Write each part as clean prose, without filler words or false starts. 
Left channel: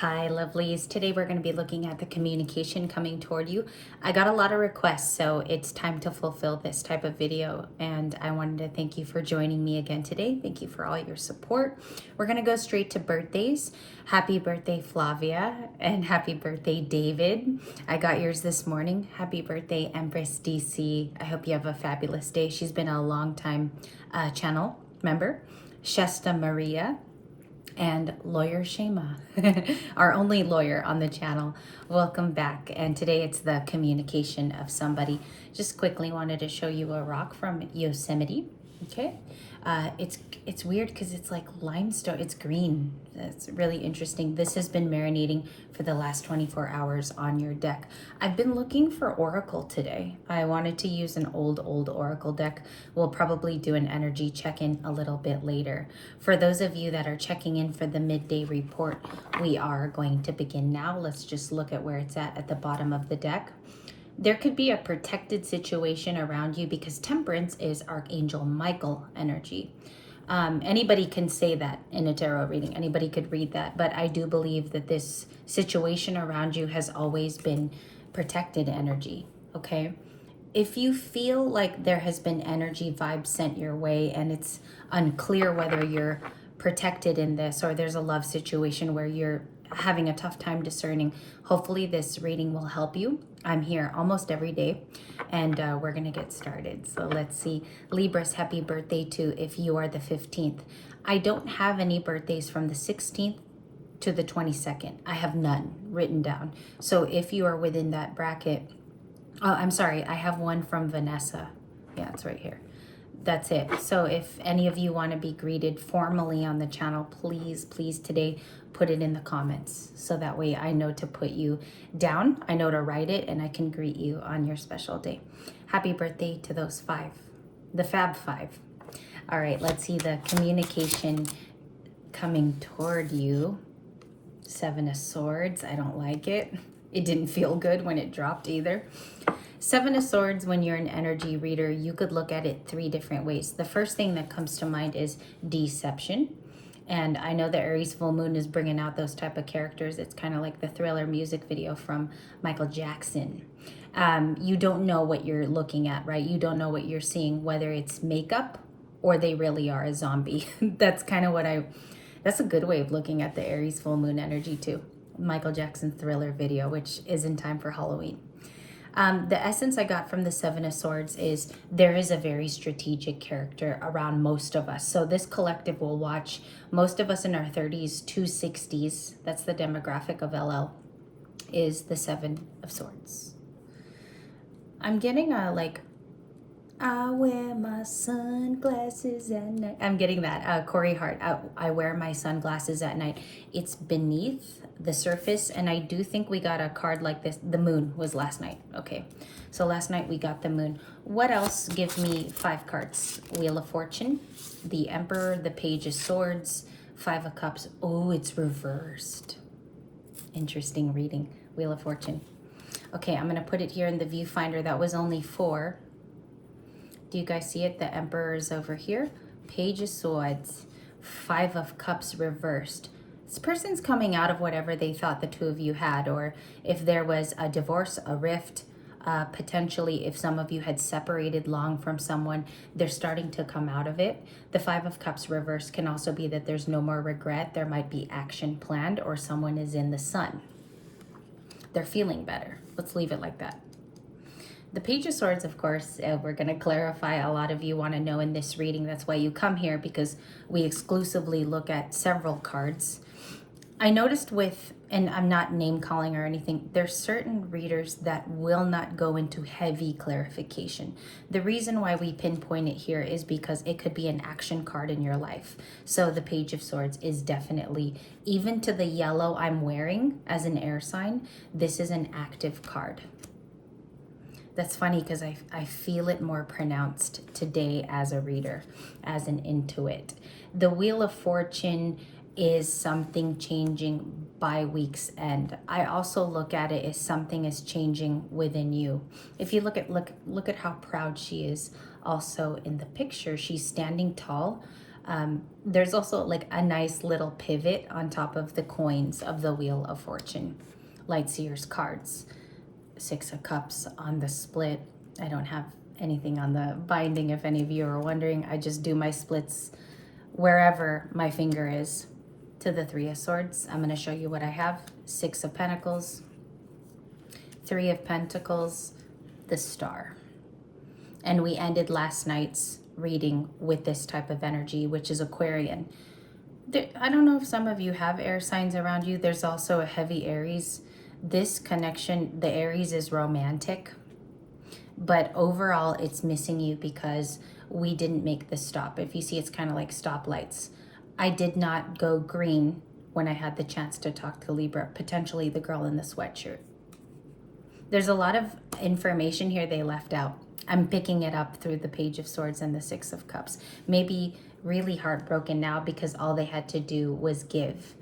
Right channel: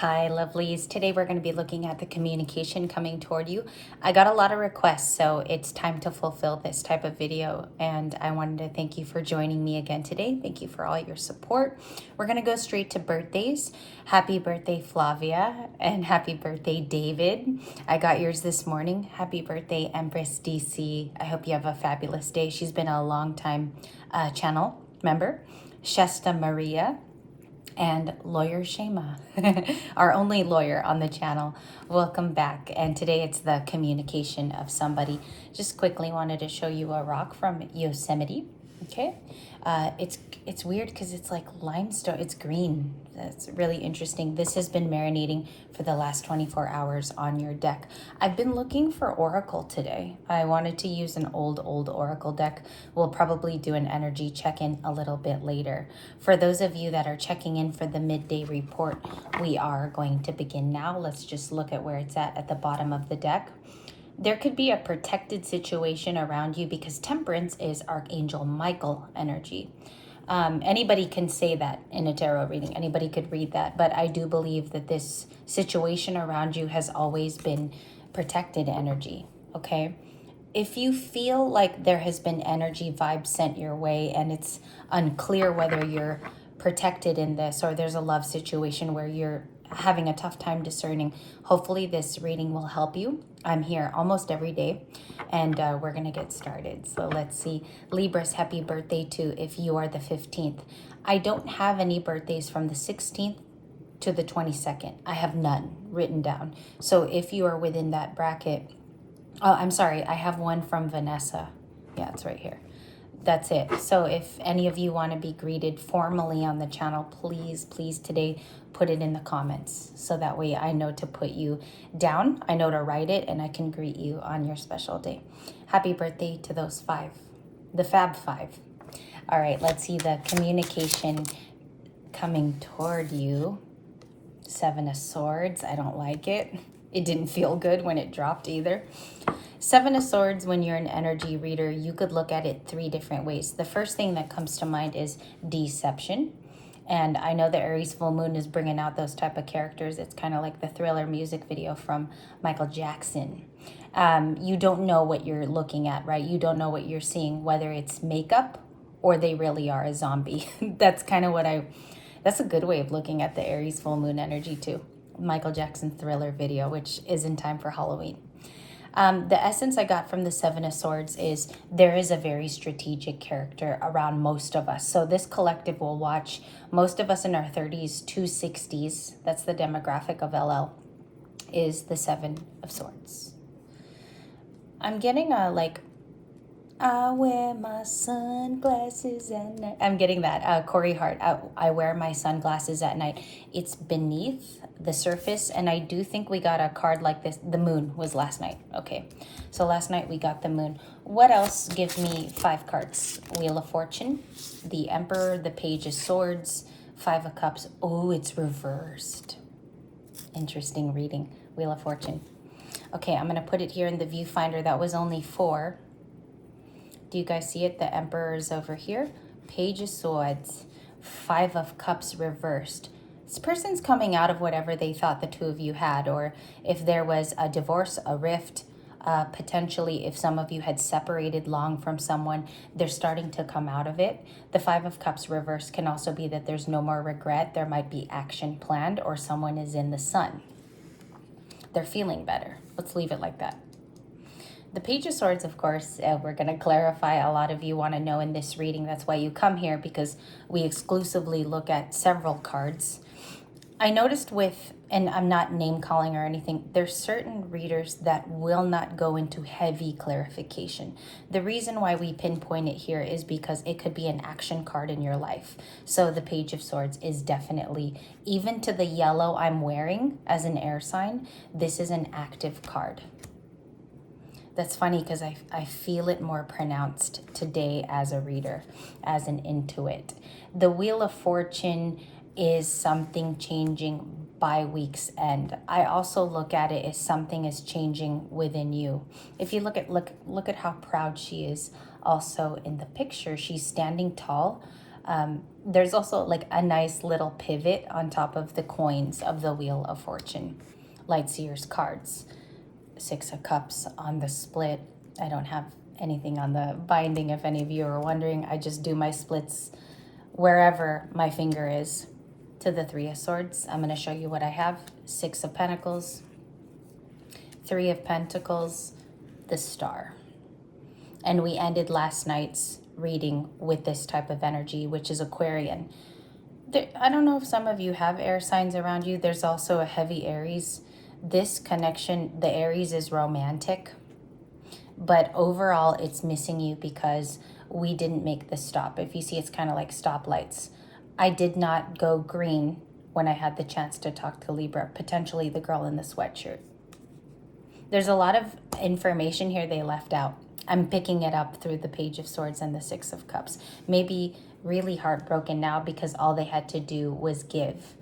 Hi, lovelies. Today we're going to be looking at the communication coming toward you. I got a lot of requests, so it's time to fulfill this type of video. And I wanted to thank you for joining me again today. Thank you for all your support. We're going to go straight to birthdays. Happy birthday, Flavia, and happy birthday, David. I got yours this morning. Happy birthday, Empress DC. I hope you have a fabulous day. She's been a long time channel member. Shesta Maria and Lawyer Shema, our only lawyer on the channel. Welcome back. And today it's the communication of somebody. Just quickly wanted to show you a rock from Yosemite. Okay. It's weird because it's like limestone. It's green. That's really interesting. This has been marinating for the last 24 hours on your deck. I've been looking for Oracle today. I wanted to use an old Oracle deck. We'll probably do an energy check-in a little bit later. For those of you that are checking in for the midday report, we are going to begin now. Let's just look at where it's at the bottom of the deck. There could be a protected situation around you because Temperance is Archangel Michael energy. Anybody can say that in a tarot reading. Anybody could read that. But I do believe that this situation around you has always been protected energy. Okay? If you feel like there has been energy vibes sent your way and it's unclear whether you're protected in this or there's a love situation where you're having a tough time discerning, hopefully this reading will help you. I'm here almost every day and we're gonna get started. So let's see. Libras, happy birthday to if you are the 15th. I don't have any birthdays from the 16th to the 22nd. I have none written down. So if you are within that bracket, oh, I'm sorry, I have one from Vanessa. Yeah, it's right here. That's it. So if any of you want to be greeted formally on the channel, please today put it in the comments so that way I know to put you down, I know to write it, and I can greet you on your special day. Happy birthday to those five, the Fab Five. All right, let's see the communication coming toward you. Seven of Swords. I don't like it. It didn't feel good when it dropped either. Seven of Swords, when you're an energy reader, you could look at it three different ways. The first thing that comes to mind is deception. And I know the Aries full moon is bringing out those type of characters. It's kind of like the Thriller music video from Michael Jackson. You don't know what you're looking at, right? You don't know what you're seeing, whether it's makeup or they really are a zombie. That's kind of that's a good way of looking at the Aries full moon energy too. Michael Jackson Thriller video, which is in time for Halloween. The essence I got from the Seven of Swords is there is a very strategic character around most of us. So this collective will watch most of us in our 30s to 60s. That's the demographic of LL, is the Seven of Swords. I'm getting a like, I wear my sunglasses at night. I'm getting that. Corey Hart, I wear my sunglasses at night. It's beneath the surface, and I do think we got a card like this. The moon was last night. Okay, so last night we got the moon. What else? Give me 5 cards. Wheel of Fortune, the Emperor, the Page of Swords, 5 of Cups. Oh, it's reversed. Interesting reading. Wheel of Fortune. Okay, I'm going to put it here in the viewfinder. That was only 4. Do you guys see it? The Emperor is over here. Page of Swords, 5 of Cups reversed. This person's coming out of whatever they thought the two of you had, or if there was a divorce, a rift, potentially if some of you had separated long from someone, they're starting to come out of it. The 5 of Cups reversed can also be that there's no more regret. There might be action planned, or someone is in the sun. They're feeling better. Let's leave it like that. The Page of Swords, of course, we're going to clarify. A lot of you want to know in this reading. That's why you come here, because we exclusively look at several cards. I noticed with, and I'm not name calling or anything, there's certain readers that will not go into heavy clarification. The reason why we pinpoint it here is because it could be an action card in your life. So the Page of Swords is definitely, even to the yellow I'm wearing as an air sign, this is an active card. That's funny because I feel it more pronounced today as a reader, as an intuit. The Wheel of Fortune is something changing by week's end. I also look at it as something is changing within you. If you look at how proud she is also in the picture, she's standing tall. There's also like a nice little pivot on top of the coins of the Wheel of Fortune. Lightseer's cards. Six of Cups on the split. I don't have anything on the binding if any of you are wondering. I just do my splits wherever my finger is. To the Three of Swords, I'm going to show you what I have. Six of Pentacles, Three of Pentacles, the Star. And we ended last night's reading with this type of energy, which is Aquarian. I don't know if some of you have air signs around you. There's also a heavy Aries. This connection, the Aries is romantic, but overall it's missing you because we didn't make the stop. If you see, it's kind of like stoplights. I did not go green when I had the chance to talk to Libra, potentially the girl in the sweatshirt. There's a lot of information here they left out. I'm picking it up through the Page of Swords and the Six of Cups. Maybe really heartbroken now because all they had to do was give.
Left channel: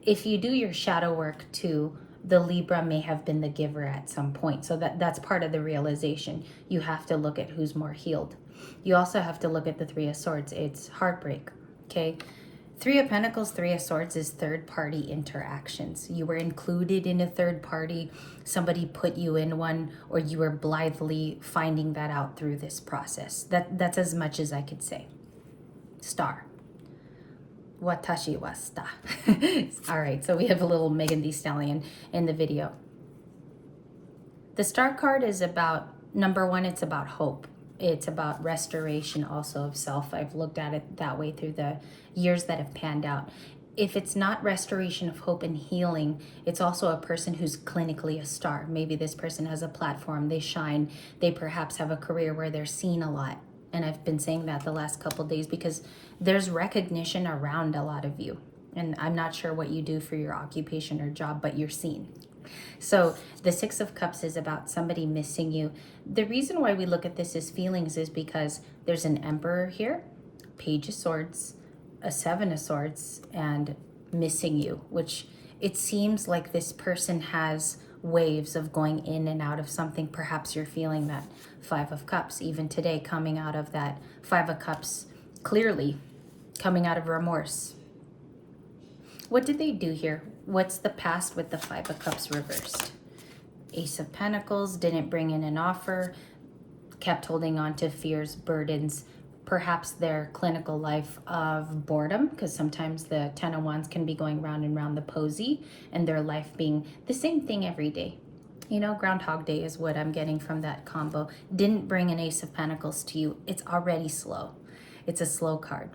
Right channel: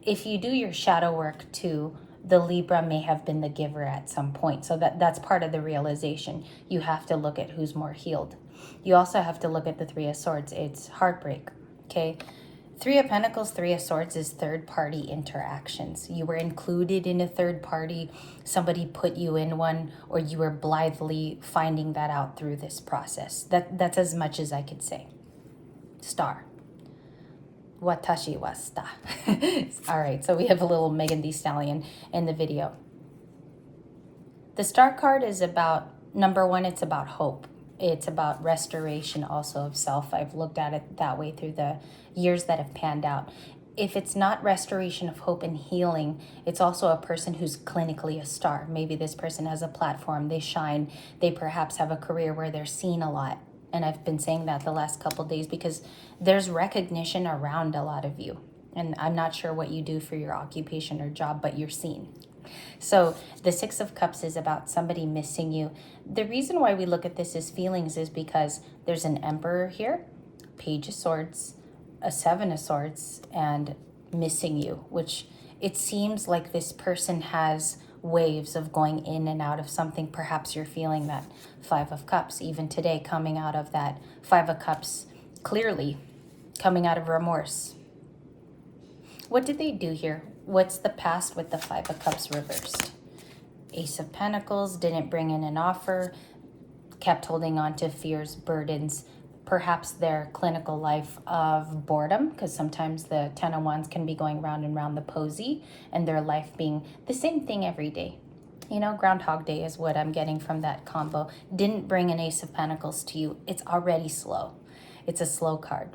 If you do your shadow work too, the Libra may have been the giver at some point. So that's part of the realization. You have to look at who's more healed. You also have to look at the Three of Swords. It's heartbreak, okay? Three of Pentacles, Three of Swords is third-party interactions. You were included in a third party, somebody put you in one, or you were blithely finding that out through this process. That's as much as I could say. Star. Watashi wa sta. All right, so we have a little Megan Thee Stallion in the video. The Star card is about, number one, it's about hope. It's about restoration also of self. I've looked at it that way through the years that have panned out. If it's not restoration of hope and healing, it's also a person who's clinically a star. Maybe this person has a platform, they shine, they perhaps have a career where they're seen a lot. And I've been saying that the last couple of days because there's recognition around a lot of you. And I'm not sure what you do for your occupation or job, but you're seen. So the Six of Cups is about somebody missing you. The reason why we look at this as feelings is because there's an Emperor here, Page of Swords, a Seven of Swords, and missing you, which it seems like this person has waves of going in and out of something. Perhaps you're feeling that Five of Cups, even today, coming out of that Five of Cups, clearly coming out of remorse. What did they do here? What's the past with the Five of Cups reversed? Ace of Pentacles, didn't bring in an offer, kept holding on to fears, burdens, perhaps their clinical life of boredom, because sometimes the Ten of Wands can be going round and round the posy, and their life being the same thing every day. You know, Groundhog Day is what I'm getting from that combo. Didn't bring an Ace of Pentacles to you. It's already slow. It's a slow card.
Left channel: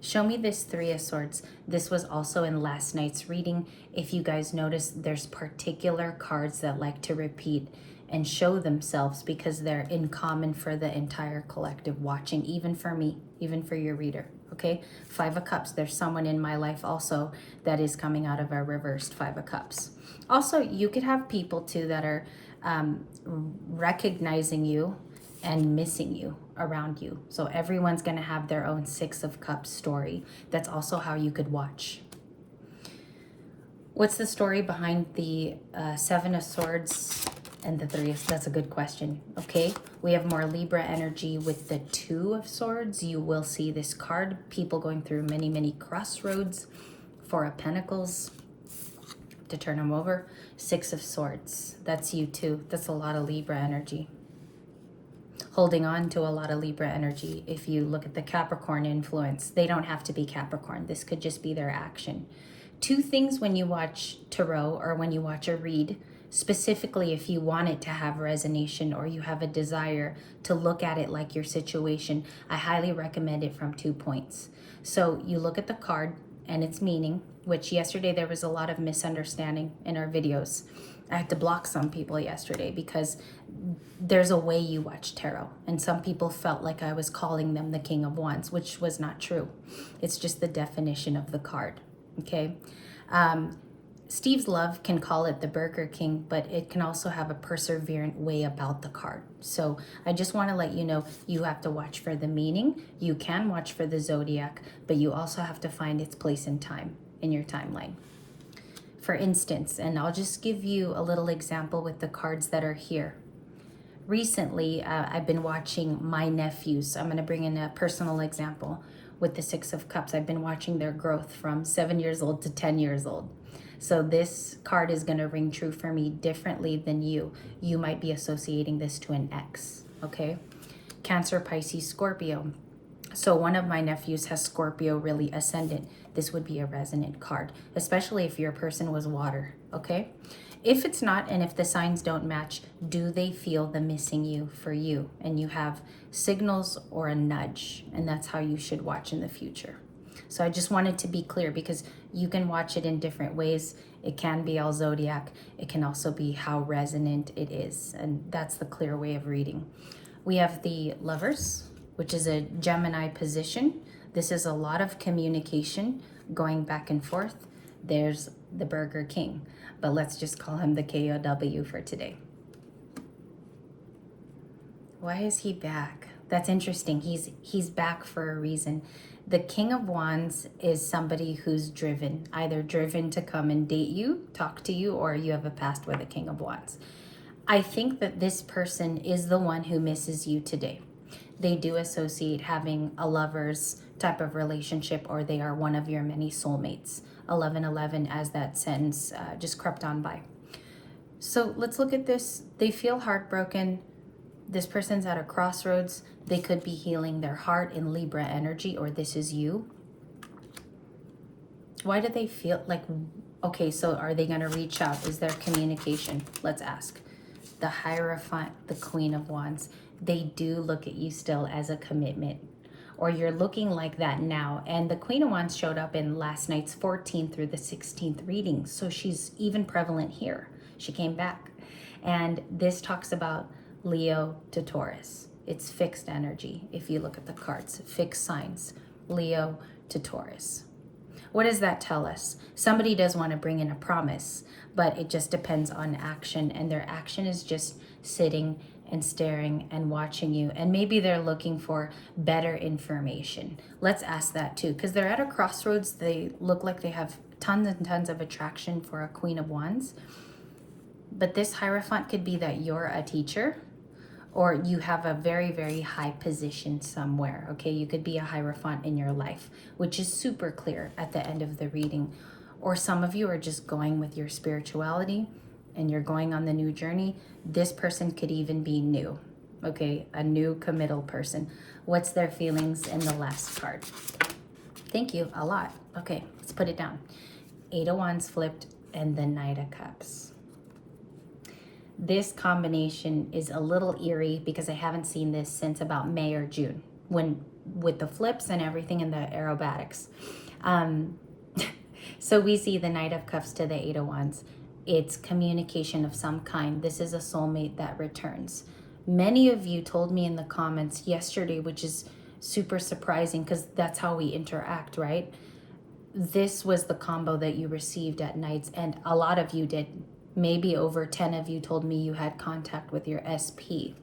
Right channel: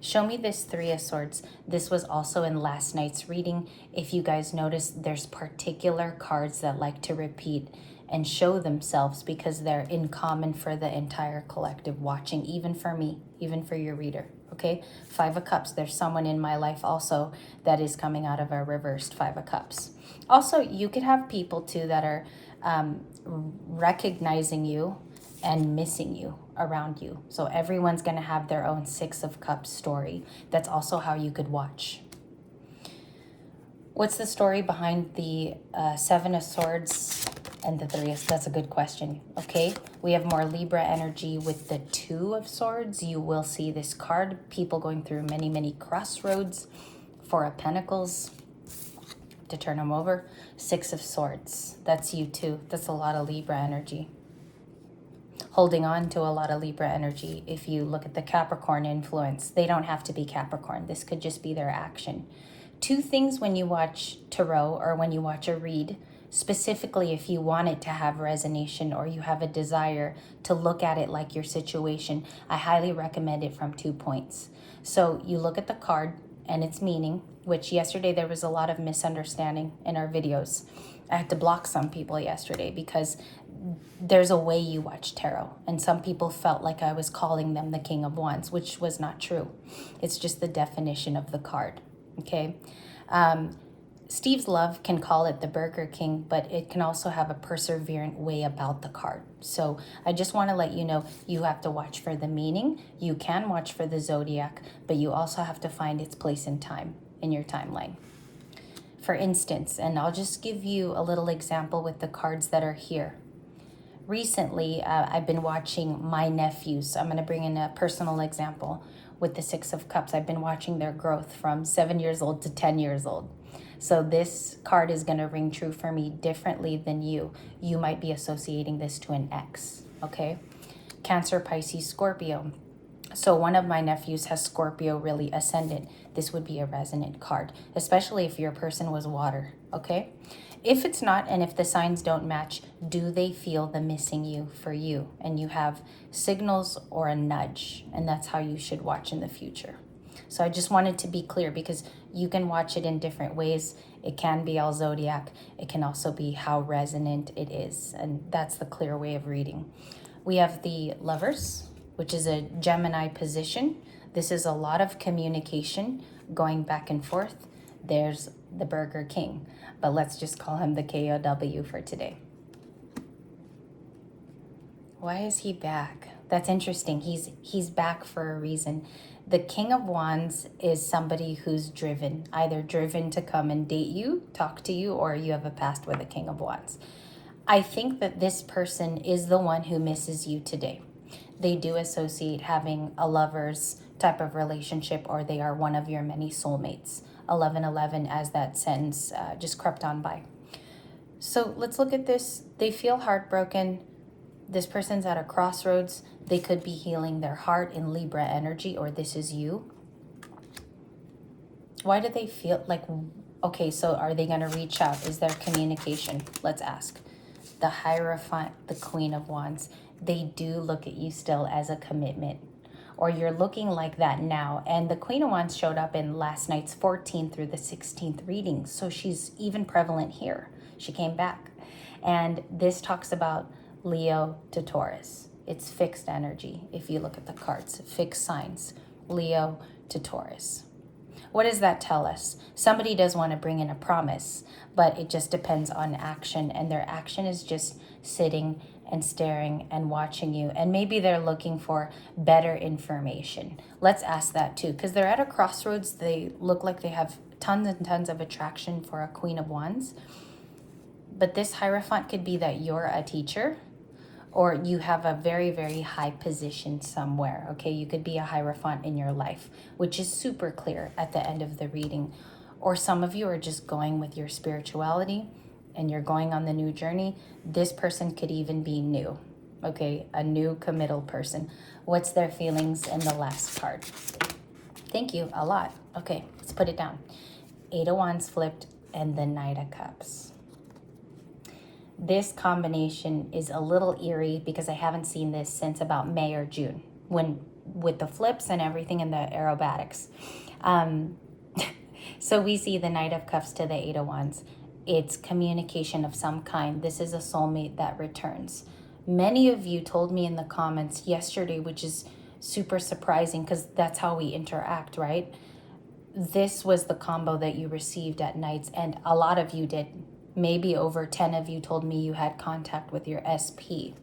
Show me this Three of Swords. This was also in last night's reading. If you guys notice, there's particular cards that like to repeat and show themselves because they're in common for the entire collective watching, even for me, even for your reader, okay? Five of Cups, there's someone in my life also that is coming out of a reversed Five of Cups. Also, you could have people too that are recognizing you and missing you around you. So everyone's going to have their own Six of Cups story. That's also how you could watch. What's the story behind the Seven of Swords and the Three of... That's a good question. Okay, we have more Libra energy with the Two of Swords. You will see this card. People going through many, many crossroads. Four of Pentacles to turn them over. Six of Swords. That's you too. That's a lot of Libra energy. Holding on to a lot of Libra energy. If you look at the Capricorn influence, they don't have to be Capricorn. This could just be their action. Two things when you watch tarot or when you watch a read, specifically if you want it to have resonation or you have a desire to look at it like your situation, I highly recommend it from 2 points. So you look at the card and its meaning, which yesterday there was a lot of misunderstanding in our videos. I had to block some people yesterday because there's a way you watch tarot, and some people felt like I was calling them the King of Wands, which was not true. It's just the definition of the card, okay? Steve's Love can call it the Burger King, but it can also have a perseverant way about the card. So I just want to let you know, you have to watch for the meaning. You can watch for the zodiac, but you also have to find its place in time in your timeline. For instance, and I'll just give you a little example with the cards that are here. Recently, I've been watching my nephews. I'm going to bring in a personal example. with the Six of Cups. I've been watching their growth from 7 years old to 10 years old. So this card is going to ring true for me differently than you. You might be associating this to an ex, okay? Cancer, Pisces, Scorpio. So one of my nephews has Scorpio really ascendant. This would be a resonant card, especially if your person was water, okay? If it's not, and if the signs don't match, do they feel the missing you for you? And you have signals or a nudge, and that's how you should watch in the future. So I just wanted to be clear because you can watch it in different ways. It can be all zodiac. It can also be how resonant it is, and that's the clear way of reading. We have the Lovers, which is a Gemini position. This is a lot of communication going back and forth. There's the Burger King, but let's just call him the KOW for today. Why is he back? That's interesting. He's back for a reason. The King of Wands is somebody who's driven, either driven to come and date you, talk to you, or you have a past with a King of Wands. I think that this person is the one who misses you today. They do associate having a lover's type of relationship, or they are one of your many soulmates. 1111 as that sentence just crept on by. So let's look at this. They feel heartbroken. This person's at a crossroads. They could be healing their heart in Libra energy, or this is you. Why do they feel like, okay, so are they going to reach out? Is there communication? Let's ask. The Hierophant, the Queen of Wands. They do look at you still as a commitment, or you're looking like that now. And the Queen of Wands showed up in last night's 14th through the 16th reading. So she's even prevalent here. She came back. And this talks about Leo to Taurus. It's fixed energy. If you look at the cards, fixed signs, Leo to Taurus. What does that tell us? Somebody does want to bring in a promise, but it just depends on action. And their action is just sitting and staring and watching you. And maybe they're looking for better information. Let's ask that too, because they're at a crossroads. They look like they have tons and tons of attraction for a Queen of Wands. But this Hierophant could be that you're a teacher, or you have a very, very high position somewhere, okay? You could be a Hierophant in your life, which is super clear at the end of the reading. Or some of you are just going with your spirituality and you're going on the new journey. This person could even be new, okay? A new committal person. What's their feelings in the last card? Thank you, a lot. Okay, let's put it down. 8 of Wands flipped and the Knight of Cups. This combination is a little eerie because I haven't seen this since about May or June, when with the flips and everything in the aerobatics. So we see the Knight of Cups to the 8 of Wands. It's communication of some kind. This is a soulmate that returns. Many of you told me in the comments yesterday, which is super surprising because that's how we interact, right? This was the combo that you received at Night's End. A lot of you did. Maybe over 10 of you told me you had contact with your SP.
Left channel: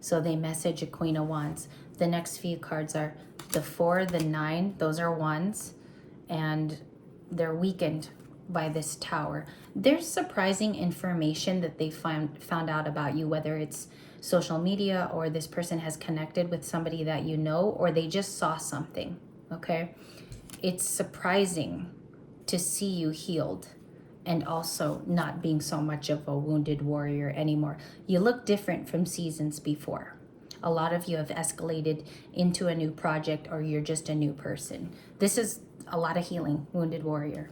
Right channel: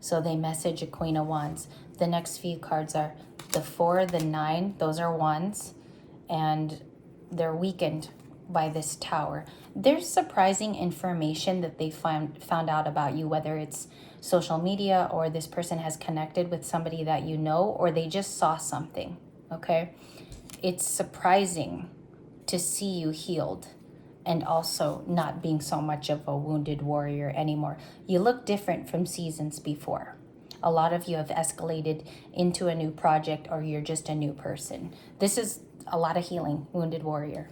So they message a Queen of Wands. The next few cards are the 4, the 9. Those are wands. And they're weakened by this Tower. There's surprising information that they found out about you, whether it's social media or this person has connected with somebody that you know, or they just saw something, okay? It's surprising to see you healed and also not being so much of a wounded warrior anymore. You look different from seasons before. A lot of you have escalated into a new project, or you're just a new person. This is a lot of healing, wounded warrior.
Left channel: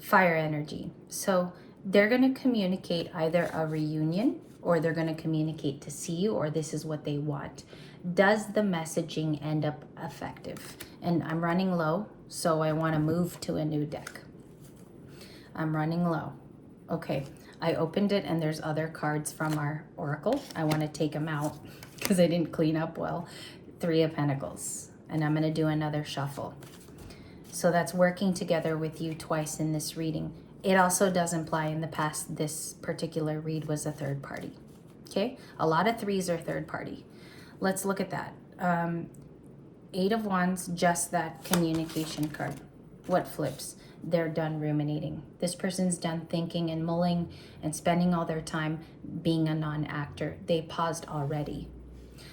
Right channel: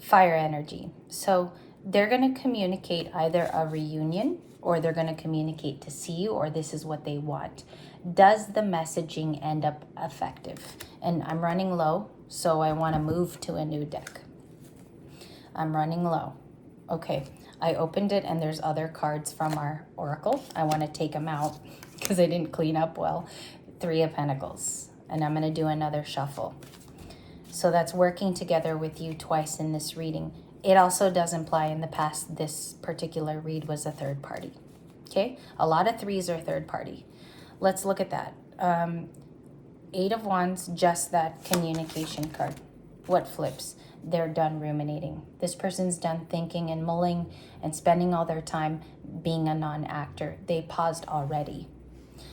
Fire energy. So they're going to communicate either a reunion, or they're going to communicate to see you, or this is what they want. Does the messaging end up effective? And I'm running low, so I want to move to a new deck. I'm running low. Okay, I opened it and there's other cards from our oracle. I want to take them out because I didn't clean up well. 3 of Pentacles, and I'm going to do another shuffle. So that's working together with you twice in this reading. It also does imply in the past this particular read was a third party. Okay, a lot of 3s are third party. Let's look at that. 8 of Wands, just that communication card. What flips? They're done ruminating. This person's done thinking and mulling and spending all their time being a non-actor. They paused already.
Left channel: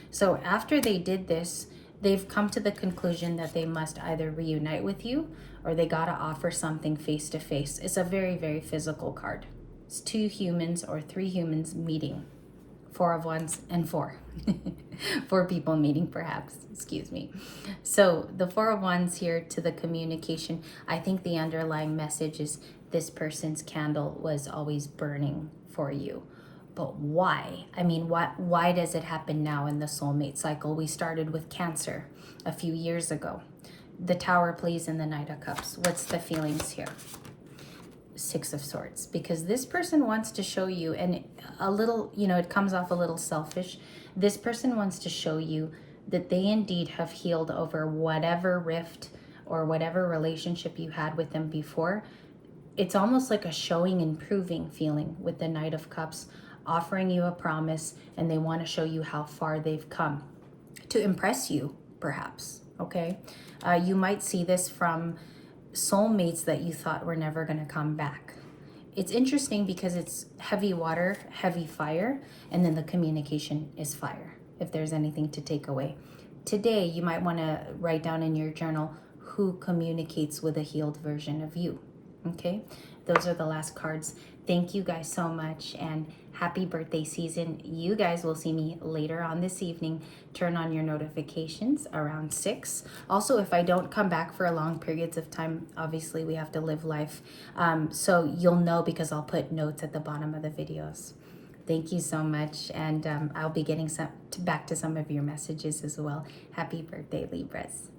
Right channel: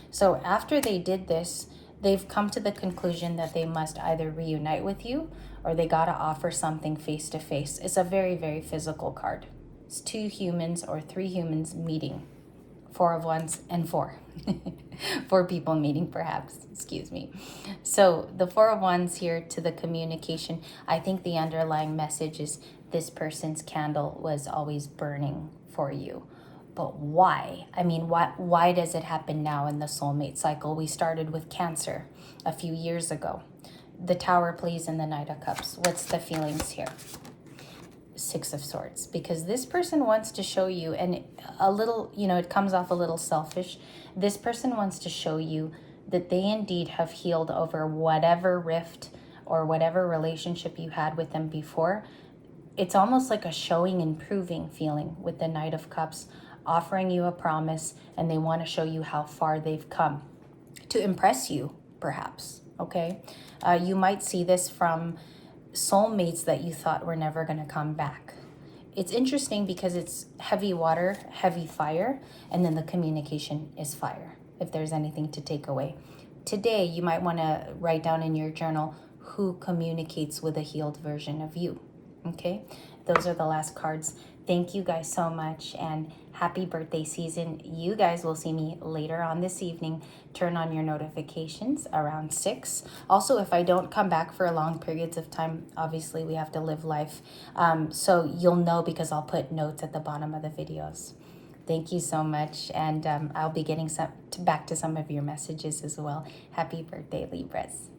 So after they did this, They've come to the conclusion that they must either reunite with you or they got to offer something face to face. It's a very, very physical card. It's 2 humans or 3 humans meeting. 4 of Wands and 4. 4 people meeting, perhaps. Excuse me. So the 4 of Wands here to the communication. I think the underlying message is this person's candle was always burning for you. But why? I mean, why does it happen now in the soulmate cycle? We started with Cancer a few years ago. The Tower plays in the Knight of Cups. What's the feelings here? 6 of Swords, because this person wants to show you, and a little, you know, it comes off a little selfish. This person wants to show you that they indeed have healed over whatever rift or whatever relationship you had with them before. It's almost like a showing and proving feeling with the Knight of Cups, offering you a promise, and they want to show you how far they've come to impress you, perhaps, okay? You might see this from soulmates that you thought were never going to come back. It's interesting because it's heavy water, heavy fire, and then the communication is fire, if there's anything to take away. Today, you might want to write down in your journal who communicates with a healed version of you, okay? Those are the last cards. Thank you guys so much, and happy birthday season. You guys will see me later on this evening. Turn on your notifications around 6. Also, if I don't come back for long periods of time, obviously we have to live life. So you'll know because I'll put notes at the bottom of the videos. Thank you so much, and I'll be getting back to some of your messages as well. Happy birthday, Libras.